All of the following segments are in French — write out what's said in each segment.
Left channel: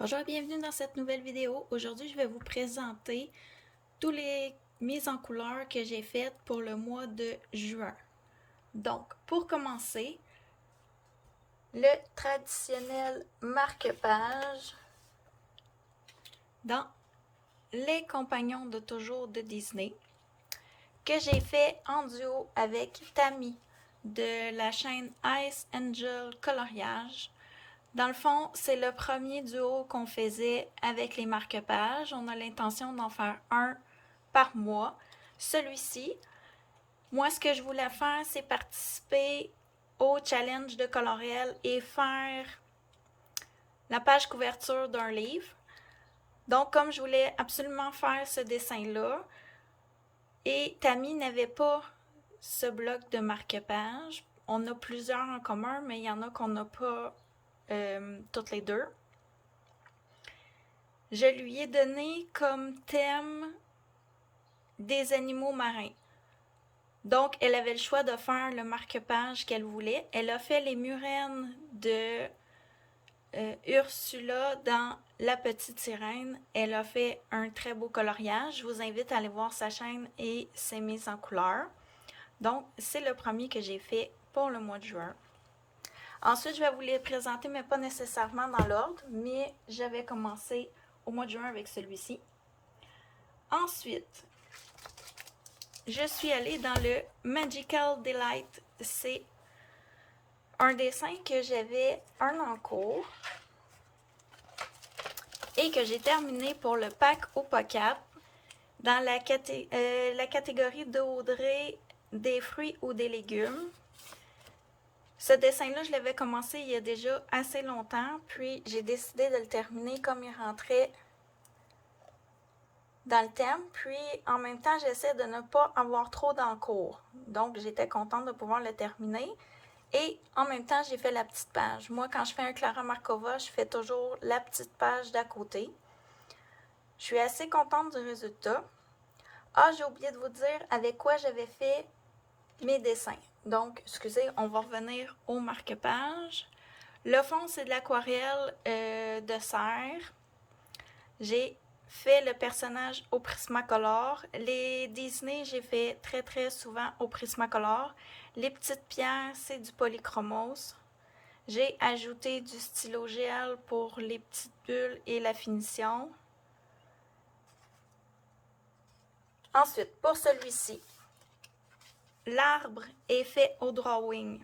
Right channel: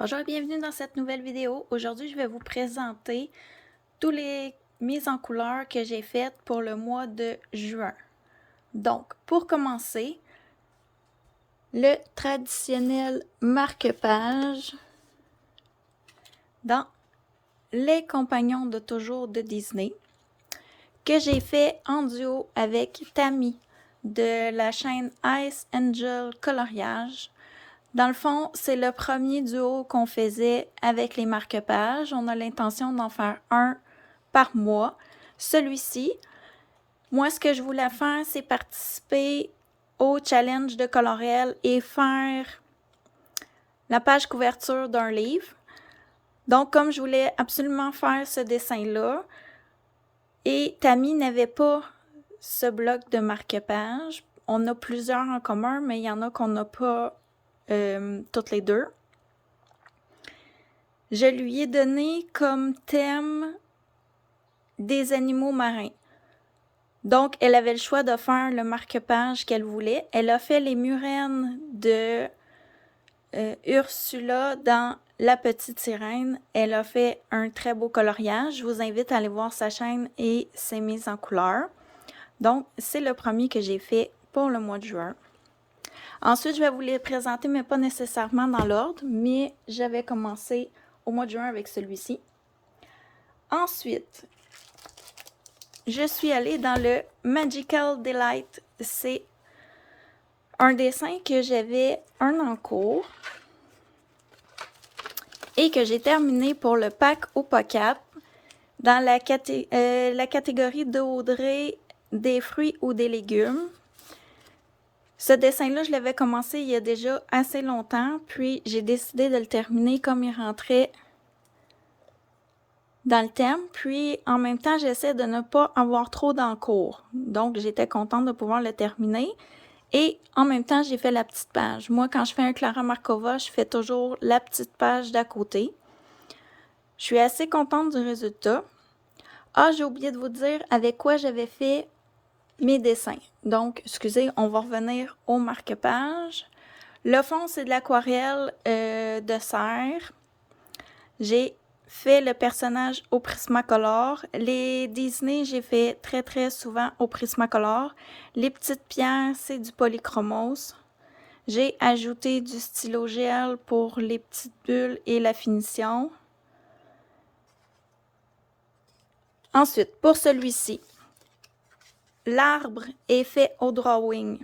Bonjour et bienvenue dans cette nouvelle vidéo. Aujourd'hui, je vais vous présenter toutes les mises en couleur que j'ai faites pour le mois de juin. Donc, pour commencer, le traditionnel marque-page dans Les Compagnons de toujours de Disney que j'ai fait en duo avec Tammy de la chaîne Ice Angel Coloriage. Dans le fond, c'est le premier duo qu'on faisait avec les marque-pages. On a l'intention d'en faire un par mois. Celui-ci, moi, ce que je voulais faire, c'est participer au challenge de Coloriel et faire la page couverture d'un livre. Donc, comme je voulais absolument faire ce dessin-là, et Tammy n'avait pas ce bloc de marque-page, on a plusieurs en commun, mais il y en a qu'on n'a pas toutes les deux. Je lui ai donné comme thème des animaux marins. Donc, elle avait le choix de faire le marque-page qu'elle voulait. Elle a fait les murènes de Ursula dans La Petite Sirène. Elle a fait un très beau coloriage. Je vous invite à aller voir sa chaîne et ses mises en couleur. Donc, c'est le premier que j'ai fait pour le mois de juin. Ensuite, je vais vous les présenter, mais pas nécessairement dans l'ordre, mais j'avais commencé au mois de juin avec celui-ci. Ensuite, je suis allée dans le Magical Delight. C'est un dessin que j'avais un en cours et que j'ai terminé pour le pack au POCAP dans la catégorie d'Audrey des fruits ou des légumes. Ce dessin-là, je l'avais commencé il y a déjà assez longtemps, puis j'ai décidé de le terminer comme il rentrait dans le thème, puis en même temps, j'essaie de ne pas avoir trop d'encours. Donc, j'étais contente de pouvoir le terminer. Et en même temps, j'ai fait la petite page. Moi, quand je fais un Clara Markova, je fais toujours la petite page d'à côté. Je suis assez contente du résultat. Ah, j'ai oublié de vous dire avec quoi j'avais fait mes dessins. Donc, excusez, on va revenir au marque-page. Le fond, c'est de l'aquarelle de serre. J'ai fait le personnage au Prismacolor. Les Disney, j'ai fait très souvent au Prismacolor. Les petites pierres, c'est du polychromos. J'ai ajouté du stylo gel pour les petites bulles et la finition. Ensuite, pour celui-ci, l'arbre est fait au drawing.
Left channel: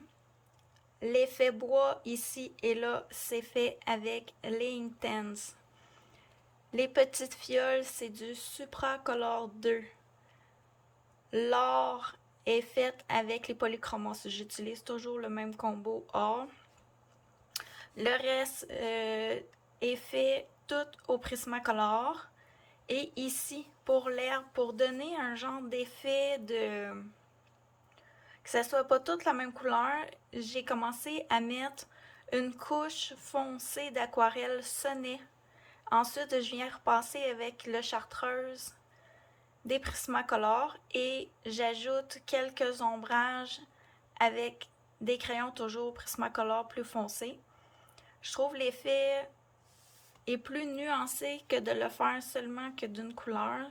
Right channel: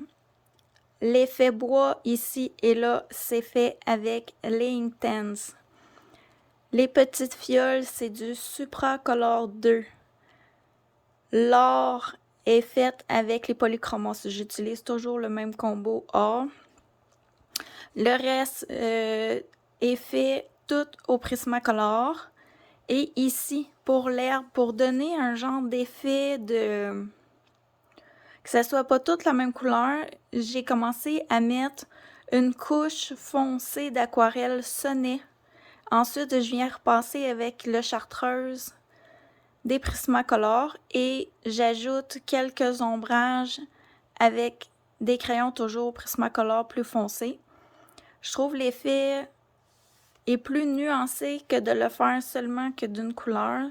L'effet bois ici et là, c'est fait avec les Inktense. Les petites fioles, c'est du Supracolor 2. L'or est fait avec les polychromos. J'utilise toujours le même combo or. Le reste est fait tout au Prismacolor. Et ici, pour l'herbe, pour donner un genre d'effet de... que ça soit pas toute la même couleur, j'ai commencé à mettre une couche foncée d'aquarelle sonnet. Ensuite, je viens repasser avec le chartreuse des Prismacolor et j'ajoute quelques ombrages avec des crayons toujours Prismacolor plus foncés. Je trouve l'effet est plus nuancé que de le faire seulement que d'une couleur.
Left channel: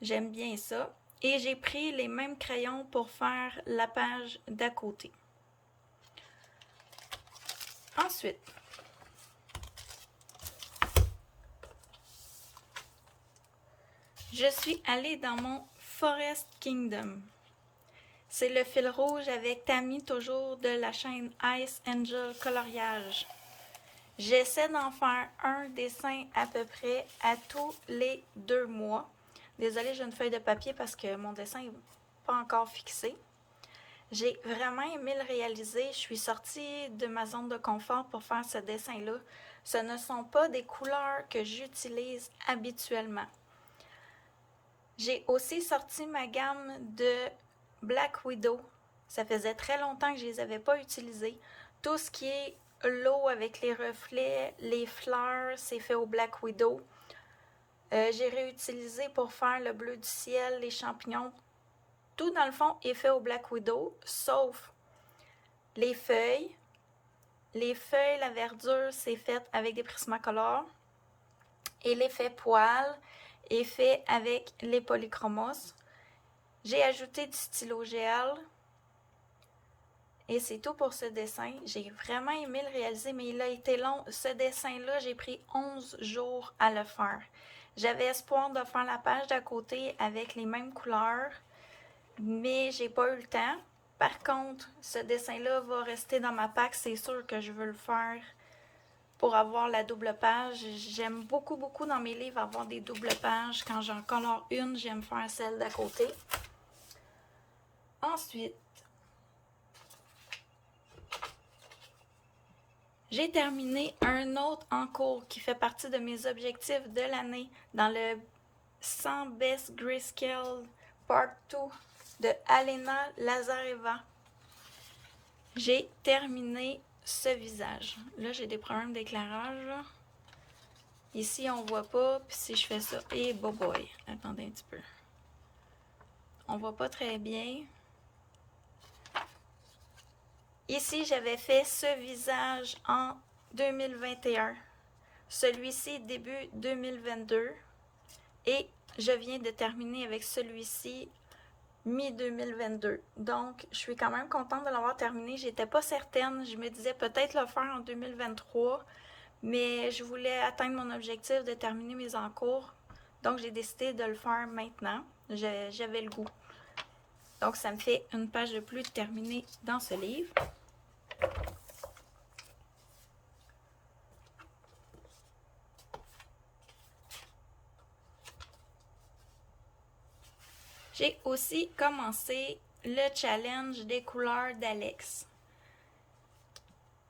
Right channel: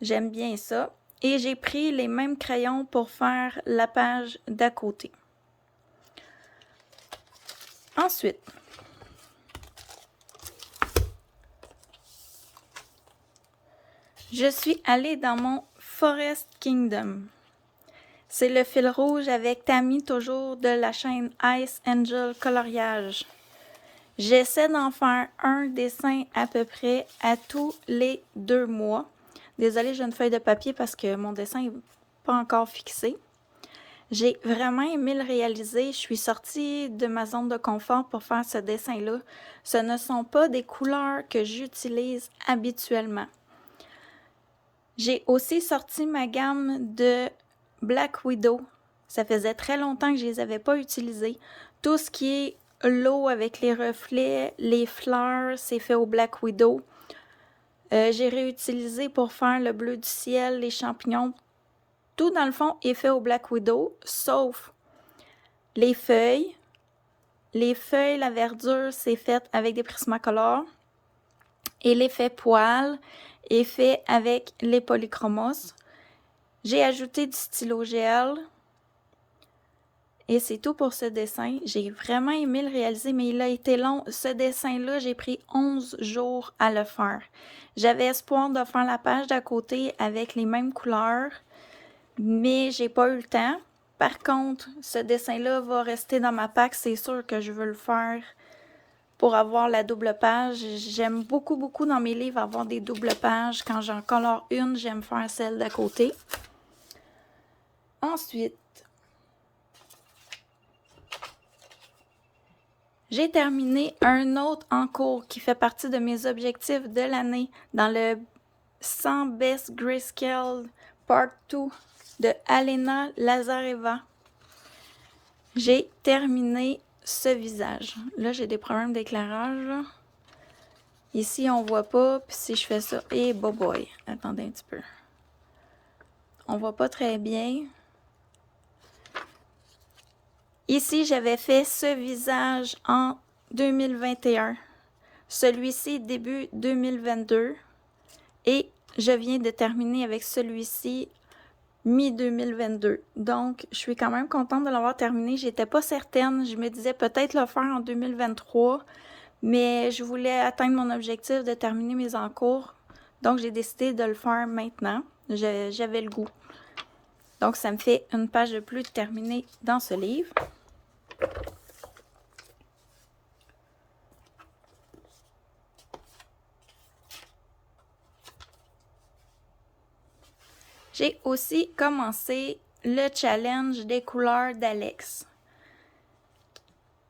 J'aime bien ça. Et j'ai pris les mêmes crayons pour faire la page d'à côté. Ensuite, je suis allée dans mon Forest Kingdom. C'est le fil rouge avec Tammy, toujours de la chaîne Ice Angel Coloriage. J'essaie d'en faire un dessin à peu près à tous les 2 mois. Désolée, j'ai une feuille de papier parce que mon dessin n'est pas encore fixé. J'ai vraiment aimé le réaliser. Je suis sortie de ma zone de confort pour faire ce dessin-là. Ce ne sont pas des couleurs que j'utilise habituellement. J'ai aussi sorti ma gamme de Black Widow. Ça faisait très longtemps que je ne les avais pas utilisées. Tout ce qui est l'eau avec les reflets, les fleurs, c'est fait au Black Widow. J'ai réutilisé pour faire le bleu du ciel, les champignons. Tout dans le fond est fait au Black Widow, sauf les feuilles. Les feuilles, la verdure, c'est fait avec des Prismacolor. Et l'effet poil est fait avec les polychromos. J'ai ajouté du stylo gel. Et c'est tout pour ce dessin. J'ai vraiment aimé le réaliser, mais il a été long. Ce dessin-là, j'ai pris 11 jours à le faire. J'avais espoir de faire la page d'à côté avec les mêmes couleurs, mais j'ai pas eu le temps. Par contre, ce dessin-là va rester dans ma pack. C'est sûr que je veux le faire pour avoir la double page. J'aime beaucoup, beaucoup dans mes livres avoir des doubles pages. Quand j'en colore une, j'aime faire celle d'à côté. Ensuite, j'ai terminé un autre en cours qui fait partie de mes objectifs de l'année dans le 100 Best Grayscale Part 2 de Alena Lazareva. J'ai terminé ce visage. Là, j'ai des problèmes d'éclairage. Ici, on voit pas. Puis si je fais ça, et boy, attendez un petit peu. On voit pas très bien. Ici, j'avais fait ce visage en 2021. Celui-ci début 2022. Et je viens de terminer avec celui-ci mi-2022. Donc, je suis quand même contente de l'avoir terminé. J'étais pas certaine. Je me disais peut-être le faire en 2023. Mais je voulais atteindre mon objectif de terminer mes encours. Donc, j'ai décidé de le faire maintenant. J'avais le goût. Donc, ça me fait une page de plus terminée dans ce livre. J'ai aussi commencé le challenge des couleurs d'Alex.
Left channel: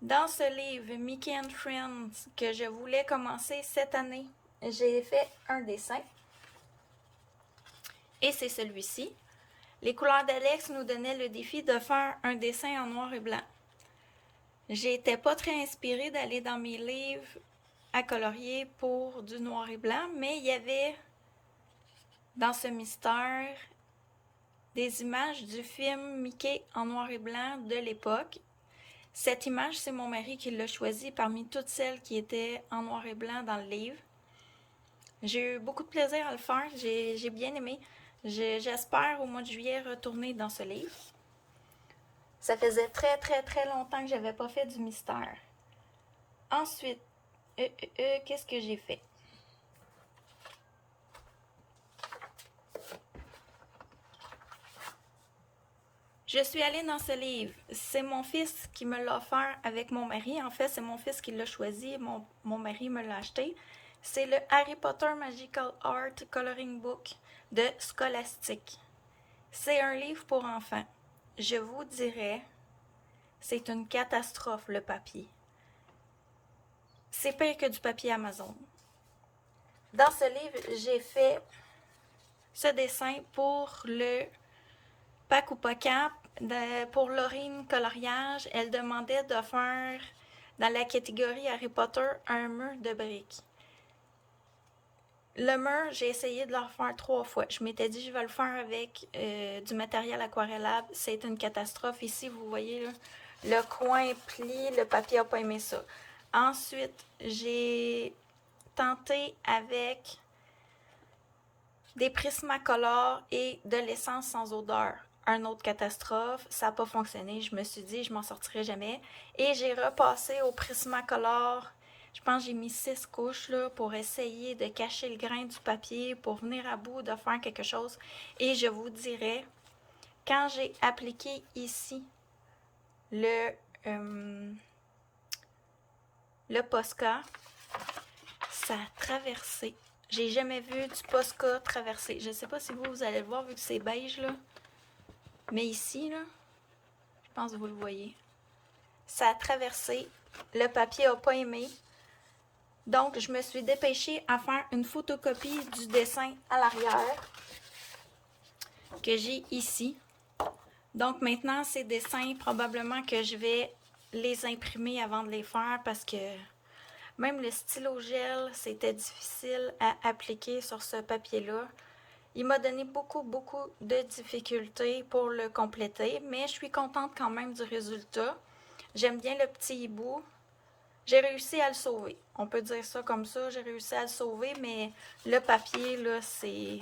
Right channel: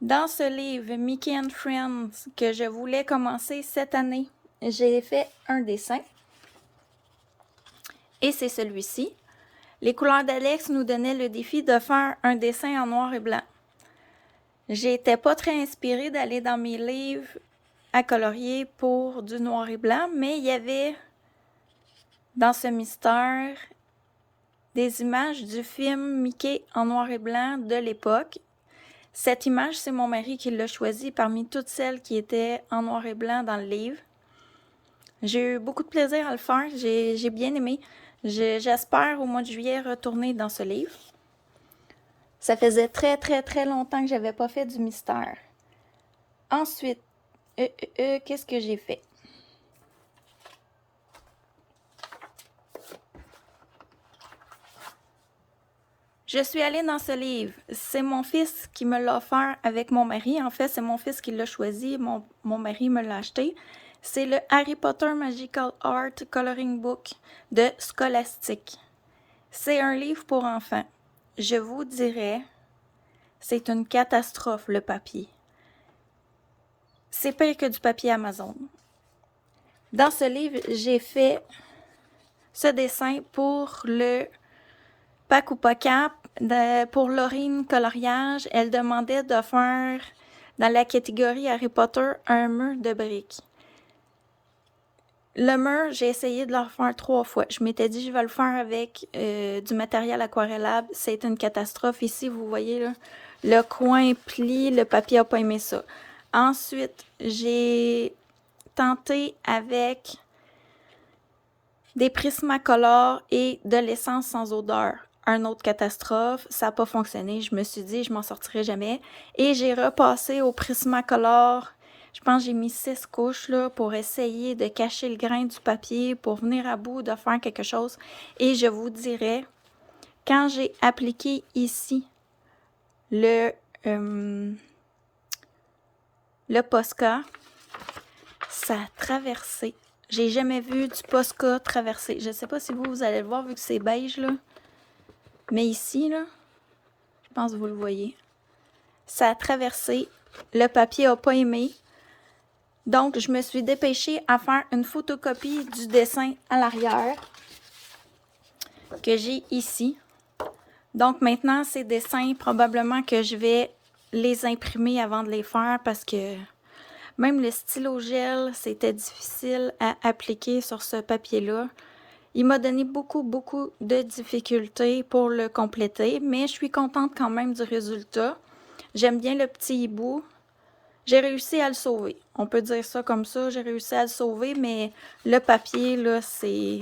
Dans ce livre Mickey and Friends que je voulais commencer cette année, j'ai fait un dessin. Et c'est celui-ci. Les couleurs d'Alex nous donnaient le défi de faire un dessin en noir et blanc. J'étais pas très inspirée d'aller dans mes livres à colorier pour du noir et blanc, mais il y avait dans ce mystère des images du film Mickey en noir et blanc de l'époque. Cette image, c'est mon mari qui l'a choisie parmi toutes celles qui étaient en noir et blanc dans le livre. J'ai eu beaucoup de plaisir à le faire, j'ai bien aimé. J'espère au mois de juillet retourner dans ce livre. Ça faisait très très très longtemps que j'avais pas fait du mystère. Ensuite, qu'est-ce que j'ai fait? Je suis allée dans ce livre. C'est mon fils qui me l'a offert avec mon mari. En fait, c'est mon fils qui l'a choisi. Mon mari me l'a acheté. C'est le Harry Potter Magical Art Coloring Book de Scholastic. C'est un livre pour enfants. Je vous dirais, c'est une catastrophe le papier. C'est pire que du papier Amazon. Dans ce livre, j'ai fait ce dessin pour le Pack ou pas cap, pour Laurine Coloriage. Elle demandait de faire, dans la catégorie Harry Potter, un mur de briques. Le mur, j'ai essayé de le refaire 3 fois. Je m'étais dit, je vais le faire avec du matériel aquarellable. C'est une catastrophe. Ici, vous voyez, là, le coin plie, le papier n'a pas aimé ça. Ensuite, j'ai tenté avec des Prismacolor et de l'essence sans odeur. Un autre catastrophe, ça n'a pas fonctionné. Je me suis dit, je m'en sortirai jamais. Et j'ai repassé au Prismacolor. Je pense que j'ai mis 6 couches là, pour essayer de cacher le grain du papier, pour venir à bout de faire quelque chose. Et je vous dirais, quand j'ai appliqué ici le Posca, ça a traversé. J'ai jamais vu du Posca traverser. Je ne sais pas si vous allez le voir vu que c'est beige là. Mais ici, là, je pense que vous le voyez. Ça a traversé. Le papier n'a pas aimé. Donc, je me suis dépêchée à faire une photocopie du dessin à l'arrière que j'ai ici. Donc, maintenant, ces dessins, probablement que je vais les imprimer avant de les faire parce que même le stylo gel, c'était difficile à appliquer sur ce papier-là. Il m'a donné beaucoup, beaucoup de difficultés pour le compléter, mais je suis contente quand même du résultat. J'aime bien le petit hibou. j'ai réussi à le sauver. On peut dire ça comme ça, j'ai réussi à le sauver, mais le papier, là, c'est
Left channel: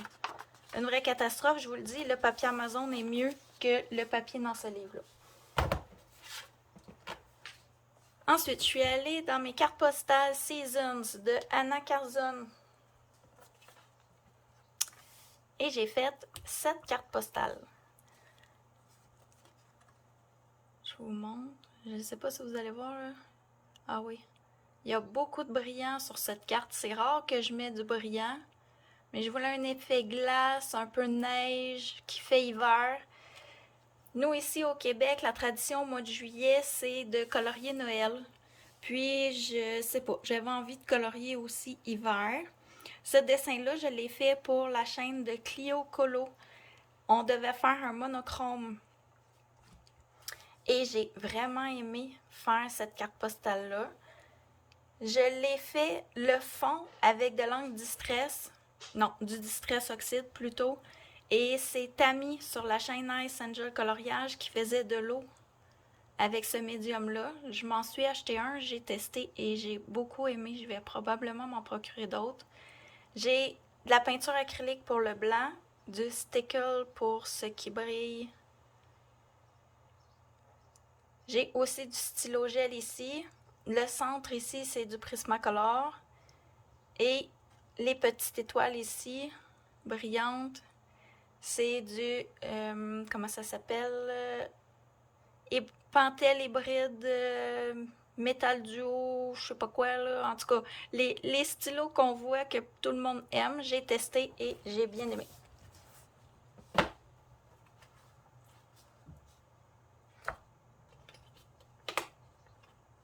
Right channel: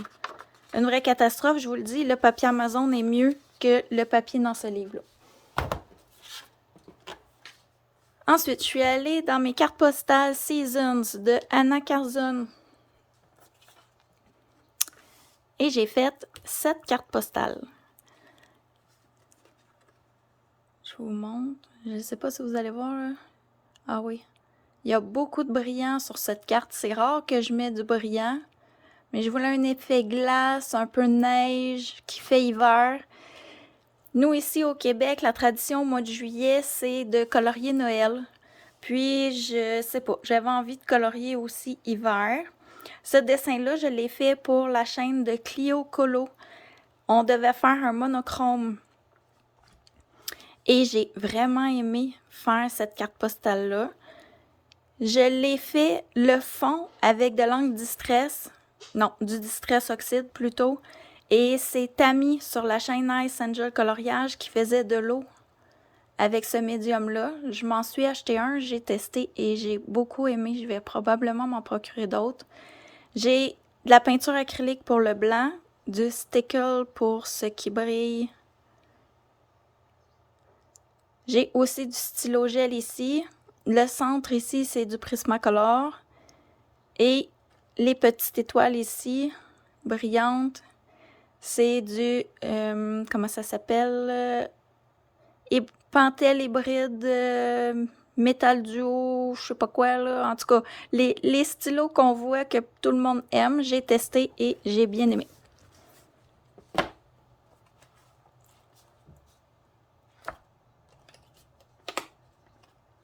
une vraie catastrophe. Je vous le dis, le papier Amazon est mieux que le papier dans ce livre-là. Ensuite, je suis allée dans mes cartes postales Seasons de Anna Carzon. Et j'ai fait 7 cartes postales. Je vous montre. Je ne sais pas si vous allez voir. Ah oui. Il y a beaucoup de brillant sur cette carte. C'est rare que je mets du brillant. Mais je voulais un effet glace, un peu neige, qui fait hiver. Nous, ici au Québec, la tradition au mois de juillet, c'est de colorier Noël. Puis, je sais pas, j'avais envie de colorier aussi hiver. Ce dessin-là, je l'ai fait pour la chaîne de Clio Colo. On devait faire un monochrome. Et j'ai vraiment aimé faire cette carte postale-là. Je l'ai fait le fond avec de l'encre Distress. Non, du Distress Oxide plutôt. Et c'est Tammy sur la chaîne Ice Angel Coloriage qui faisait de l'eau avec ce médium-là. Je m'en suis acheté un, j'ai testé et j'ai beaucoup aimé. Je vais probablement m'en procurer d'autres. J'ai de la peinture acrylique pour le blanc, du stickle pour ce qui brille. J'ai aussi du stylo gel ici. Le centre ici, c'est du Prismacolor. Et les petites étoiles ici, brillantes, c'est du, comment ça s'appelle? Pentel hybride, métal duo, je sais pas quoi là. En tout cas, les stylos qu'on voit que tout le monde aime, j'ai testé et j'ai bien aimé.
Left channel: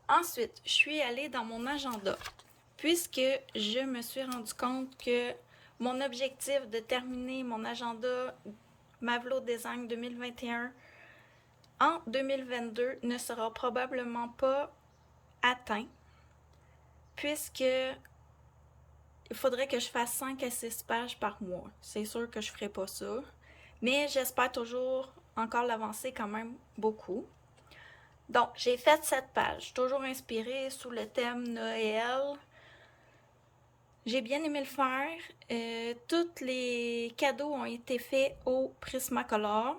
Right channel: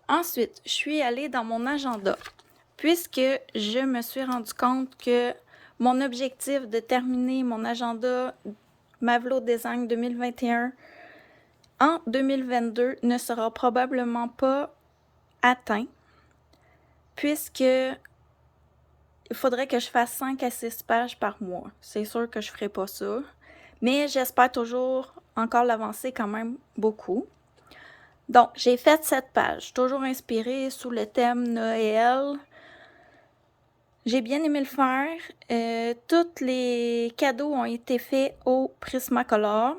Ensuite, je suis allée dans mon agenda puisque je me suis rendu compte que mon objectif de terminer mon agenda Mavlo Design 2021 en 2022 ne sera probablement pas atteint puisque il faudrait que je fasse 5 à 6 pages par mois. C'est sûr que je ne ferai pas ça, mais j'espère toujours encore l'avancer quand même beaucoup. Donc, j'ai fait 7 pages, toujours inspirée sous le thème Noël. J'ai bien aimé le faire. Tous les cadeaux ont été faits au Prismacolor.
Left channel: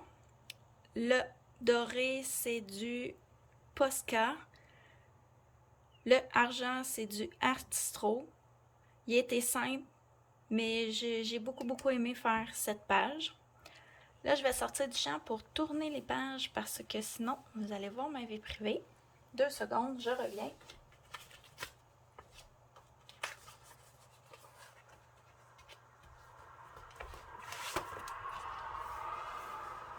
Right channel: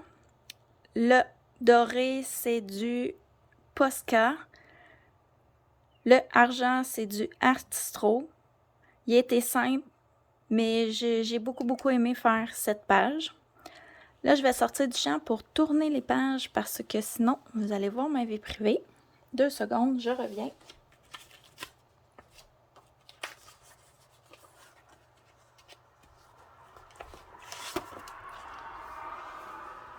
Le doré, c'est du Posca. Le argent, c'est du Artistro. Il était simple, mais j'ai beaucoup aimé faire cette page. Là, je vais sortir du champ pour tourner les pages parce que sinon, vous allez voir ma vie privée. 2 secondes, je reviens.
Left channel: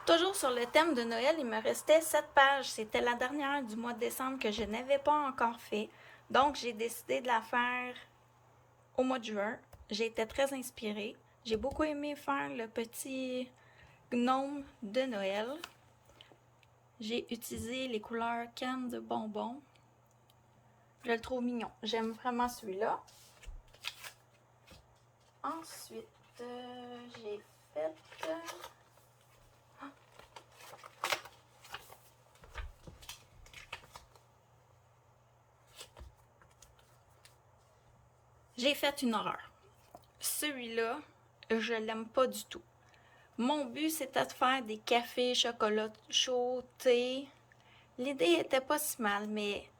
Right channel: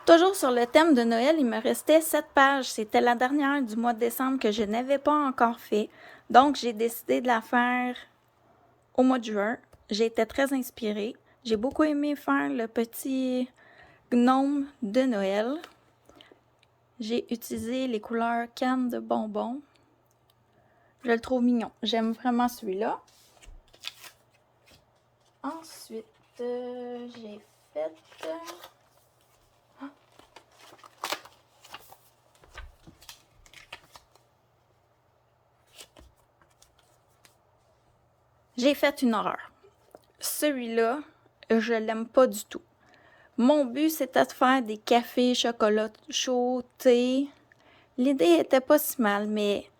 Toujours sur le thème de Noël, il me restait 7 pages. C'était la dernière du mois de décembre que je n'avais pas encore fait. Donc, j'ai décidé de la faire au mois de juin. J'ai été très inspirée. J'ai beaucoup aimé faire le petit gnome de Noël. J'ai utilisé les couleurs canne de bonbons. Je le trouve mignon. J'aime vraiment celui-là. Ensuite, j'ai fait... J'ai fait une horreur. Celui-là, je l'aime pas du tout. Mon but, c'était de faire des cafés, chocolat chaud, thé. L'idée était pas si mal, mais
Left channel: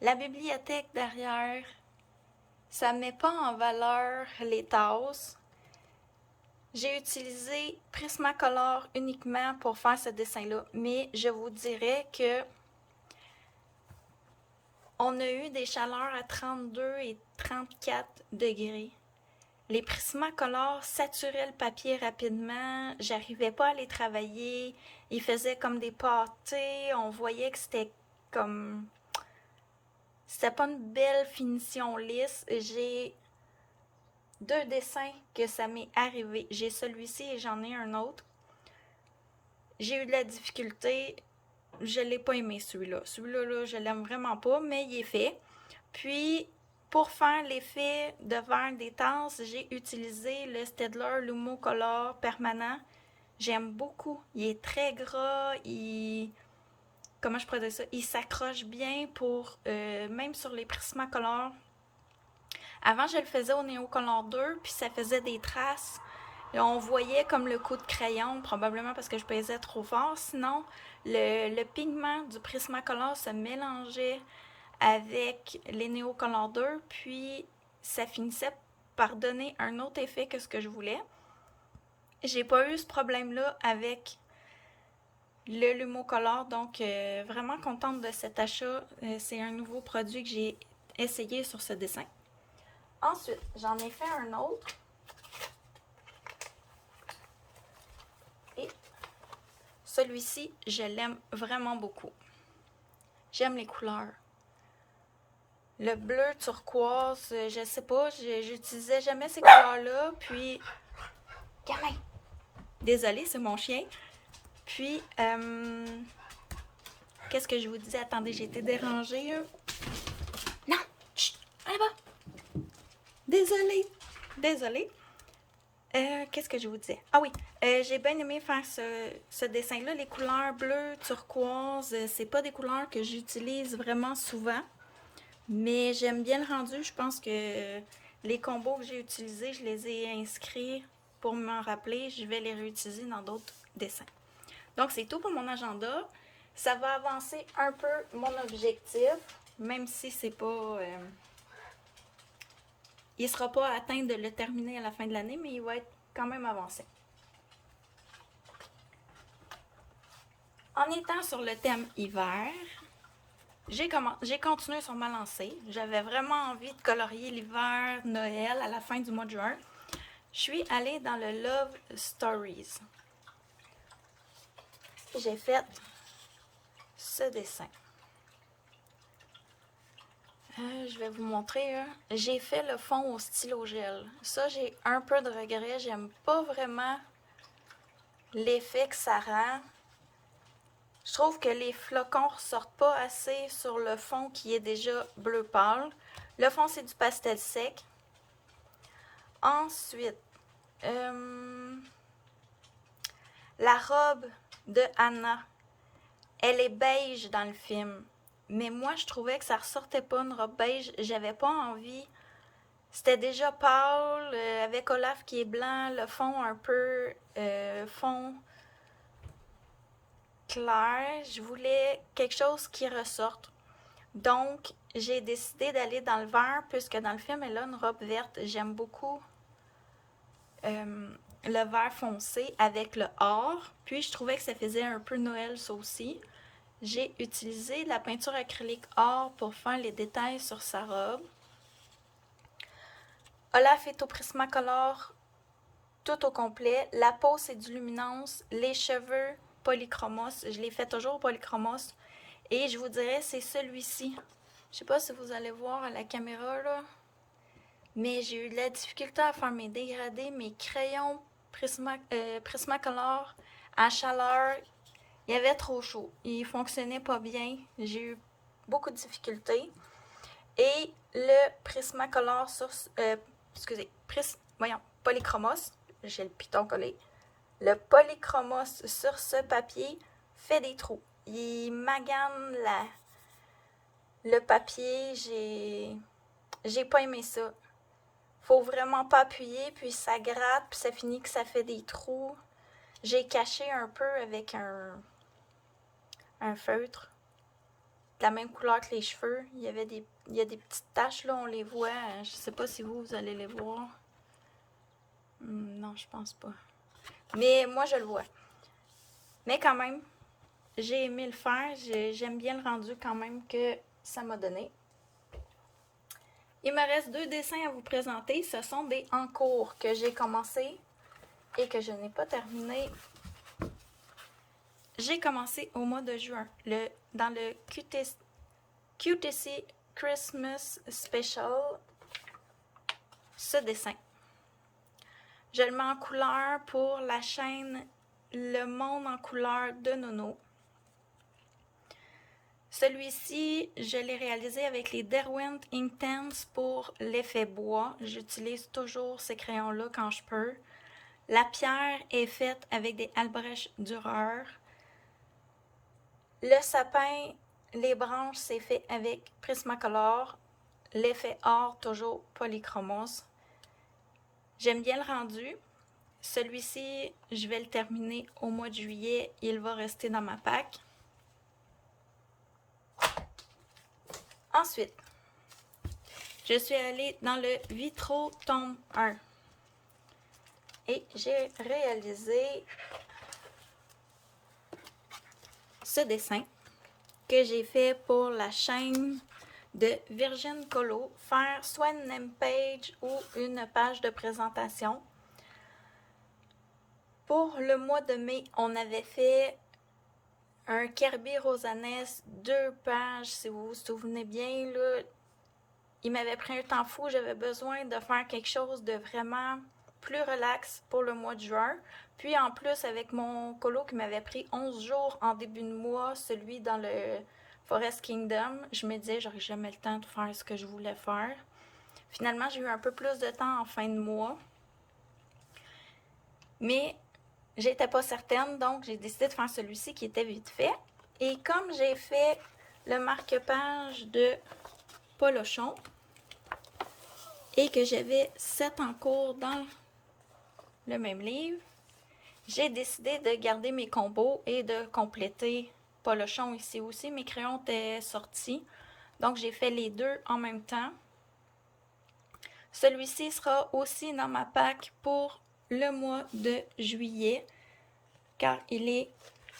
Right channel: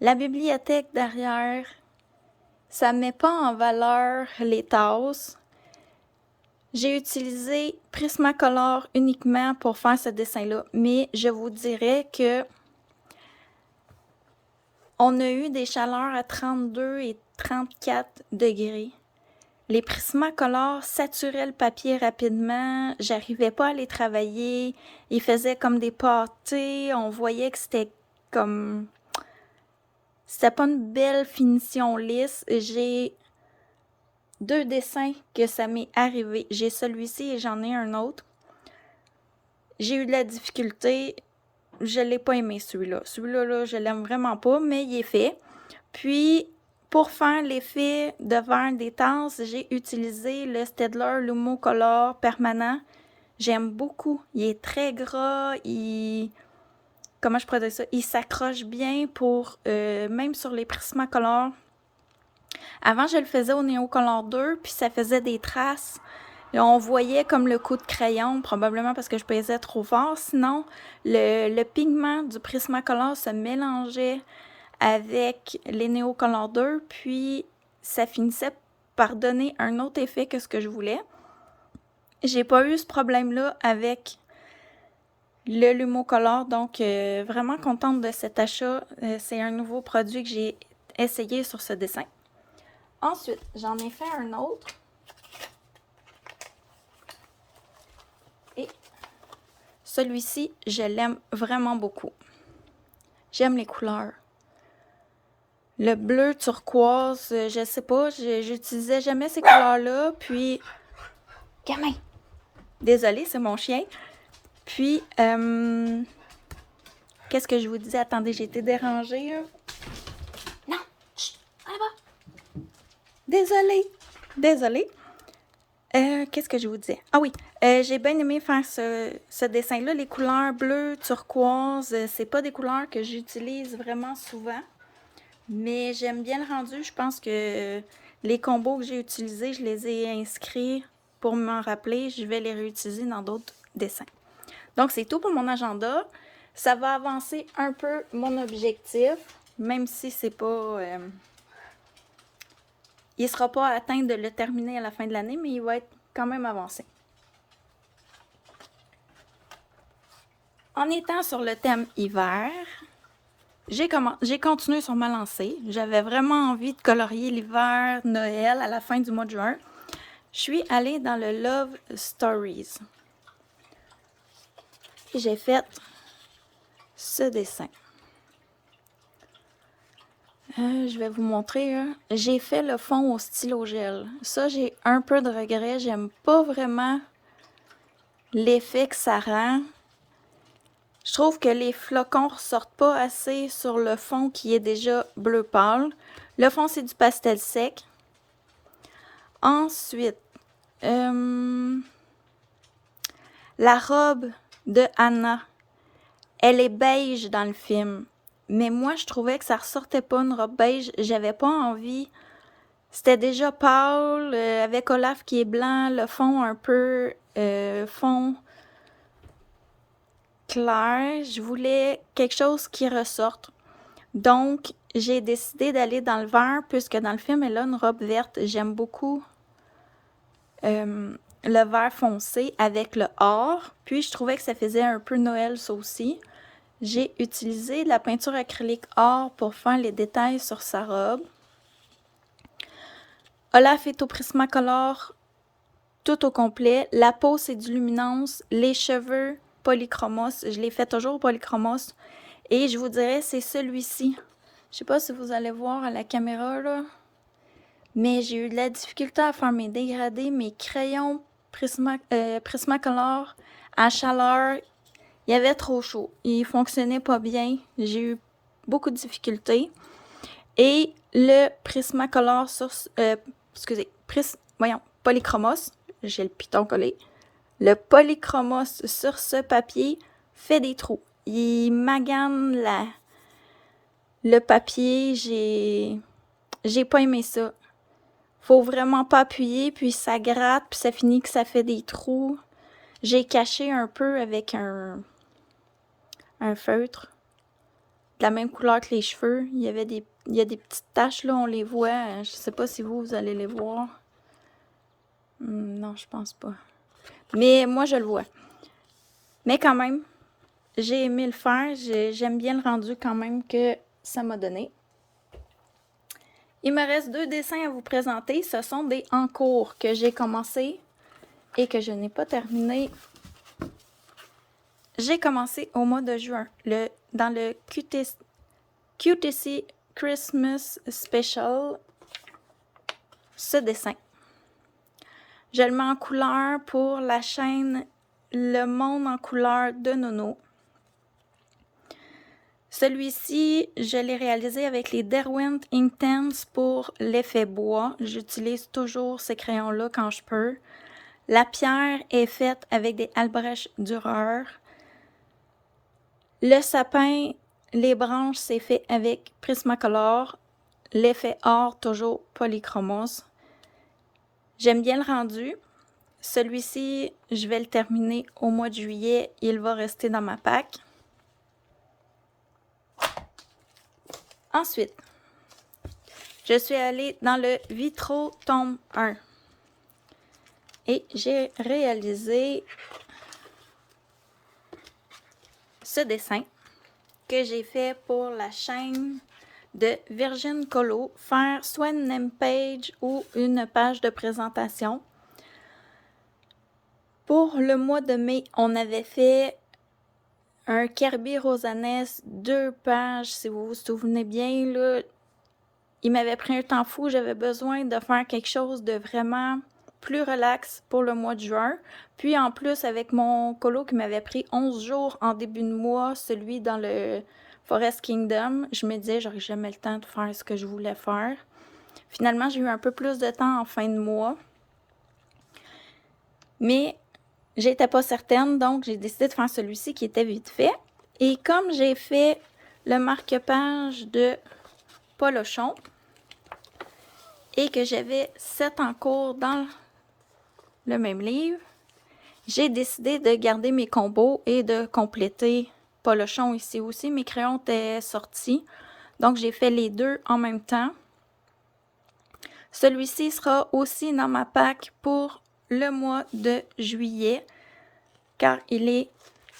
la bibliothèque derrière, ça met pas en valeur les tasses. J'ai utilisé Prismacolor uniquement pour faire ce dessin-là, mais je vous dirais que on a eu des chaleurs à 32 et 34 degrés. Les Prismacolor saturaient le papier rapidement, j'arrivais pas à les travailler, ils faisaient comme des pâtés, on voyait que c'était comme... C'était pas une belle finition lisse. J'ai 2 dessins que ça m'est arrivé. J'ai celui-ci et j'en ai un autre. J'ai eu de la difficulté. Je l'ai pas aimé celui-là. Celui-là, là, je l'aime vraiment pas, mais il est fait. Puis, pour faire l'effet de verre des tasses, j'ai utilisé le Staedtler Lumo Color permanent. J'aime beaucoup. Il est très gras. comment je pourrais dire ça? Il s'accroche bien pour, même sur les Prismacolor. Avant, je le faisais au Neocolor 2, puis ça faisait des traces. Là, on voyait comme le coup de crayon, probablement parce que je pesais trop fort. Sinon, le pigment du Prismacolor se mélangeait avec les Neocolor 2, puis ça finissait par donner un autre effet que ce que je voulais. J'ai pas eu ce problème-là avec le Lumocolor, donc vraiment contente de cet achat. C'est un nouveau produit que j'ai essayé sur ce dessin. Ensuite, j'en ai fait un autre. Et celui-ci, je l'aime vraiment beaucoup. J'aime les couleurs. Le bleu turquoise, je sais pas, j'utilisais jamais ces couleurs-là. Puis, gamin! Désolée, c'est mon chien. Puis, qu'est-ce que je vous disais? Attendez, j'ai été dérangée. Hein? Non! Chut! Allez, va! Désolée. Qu'est-ce que je vous disais? Ah oui, j'ai bien aimé faire ce dessin-là. Les couleurs bleues, turquoise, c'est pas des couleurs que j'utilise vraiment souvent. Mais j'aime bien le rendu. Je pense que les combos que j'ai utilisés, je les ai inscrits pour m'en rappeler. Je vais les réutiliser dans d'autres dessins. Donc, c'est tout pour mon agenda. Ça va avancer un peu mon objectif, même si c'est pas... il ne sera pas atteint de le terminer à la fin de l'année, mais il va être quand même avancé. En étant sur le thème hiver, j'ai continué sur ma lancée. J'avais vraiment envie de colorier l'hiver, Noël, à la fin du mois de juin. Je suis allée dans le Love Stories. Et j'ai fait ce dessin. Je vais vous montrer. J'ai fait le fond au stylo gel. Ça, j'ai un peu de regret. J'aime pas vraiment l'effet que ça rend. Je trouve que les flocons ressortent pas assez sur le fond qui est déjà bleu pâle. Le fond, c'est du pastel sec. Ensuite, la robe de Anna, elle est beige dans le film. Mais moi, je trouvais que ça ressortait pas une robe beige. J'avais pas envie. C'était déjà pâle, avec Olaf qui est blanc, le fond un peu fond clair. Je voulais quelque chose qui ressorte. Donc, j'ai décidé d'aller dans le vert, puisque dans le film, elle a une robe verte. J'aime beaucoup le vert foncé avec le or. Puis, je trouvais que ça faisait un peu Noël, ça aussi. J'ai utilisé de la peinture acrylique or pour faire les détails sur sa robe. Olaf est au Prismacolor tout au complet. La peau, c'est du luminance. Les cheveux, polychromos. Je les fais toujours polychromos. Et je vous dirais, c'est celui-ci. Je sais pas si vous allez voir à la caméra, là. Mais j'ai eu de la difficulté à faire mes dégradés, mes crayons Prismacolor à chaleur. Il y avait trop chaud. Il fonctionnait pas bien. J'ai eu beaucoup de difficultés. Et le Prismacolor sur... Polychromos. J'ai le piton collé. Le Polychromos sur ce papier fait des trous. Il magane le papier. J'ai pas aimé ça. Faut vraiment pas appuyer, puis ça gratte, puis ça finit que ça fait des trous. J'ai caché un peu avec un feutre de la même couleur que les cheveux. Il y a des petites taches là, on les voit. Je sais pas si vous allez les voir. Non, je pense pas. Mais moi, je le vois. Mais quand même, j'ai aimé le faire. J'aime bien le rendu quand même que ça m'a donné. Il me reste 2 dessins à vous présenter. Ce sont des en cours que j'ai commencé et que je n'ai pas terminé. J'ai commencé au mois de juin, dans le QTC Christmas Special, ce dessin. Je le mets en couleur pour la chaîne Le Monde en couleur de Nono. Celui-ci, je l'ai réalisé avec les Derwent Inktense pour l'effet bois. J'utilise toujours ces crayons-là quand je peux. La pierre est faite avec des Albrecht Dürer. Le sapin, les branches, c'est fait avec Prismacolor. L'effet or, toujours Polychromos. J'aime bien le rendu. Celui-ci, je vais le terminer au mois de juillet. Il va rester dans ma pack. Ensuite, je suis allée dans le Vitro tome 1. Et j'ai réalisé ce dessin que j'ai fait pour la chaîne de Virgin Colo, faire soit une name page ou une page de présentation. Pour le mois de mai, on avait fait un Kirby Rosanes, 2 pages, si vous vous souvenez bien, là. Il m'avait pris un temps fou, j'avais besoin de faire quelque chose de vraiment plus relax pour le mois de juin. Puis en plus, avec mon colo qui m'avait pris 11 jours en début de mois, celui dans le Forest Kingdom, je me disais, j'aurais jamais le temps de faire ce que je voulais faire. Finalement, j'ai eu un peu plus de temps en fin de mois. Mais j'étais pas certaine, donc j'ai décidé de faire celui-ci qui était vite fait. Et comme j'ai fait le marque-page de Polochon et que j'avais 7 en cours dans le même livre, j'ai décidé de garder mes combos et de compléter Polochon ici aussi. Mes crayons étaient sortis, donc j'ai fait les deux en même temps. Celui-ci sera aussi dans ma pack pour le mois de juillet, car il est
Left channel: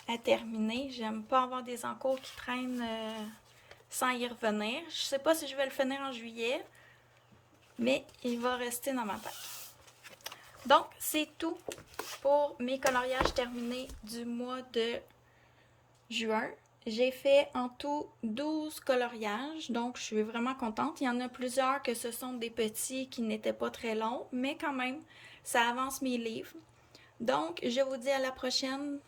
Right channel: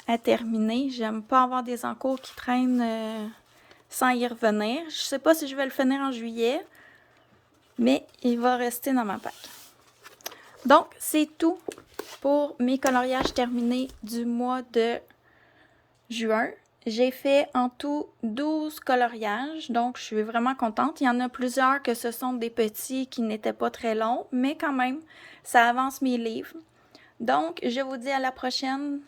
à terminer. J'aime pas avoir des encours qui traînent sans y revenir. Je sais pas si je vais le finir en juillet, mais il va rester dans ma pack. Donc, c'est tout pour mes coloriages terminés du mois de juin. J'ai fait en tout 12 coloriages, donc je suis vraiment contente. Il y en a plusieurs que ce sont des petits qui n'étaient pas très longs, mais quand même, ça avance mes livres. Donc, je vous dis à la prochaine.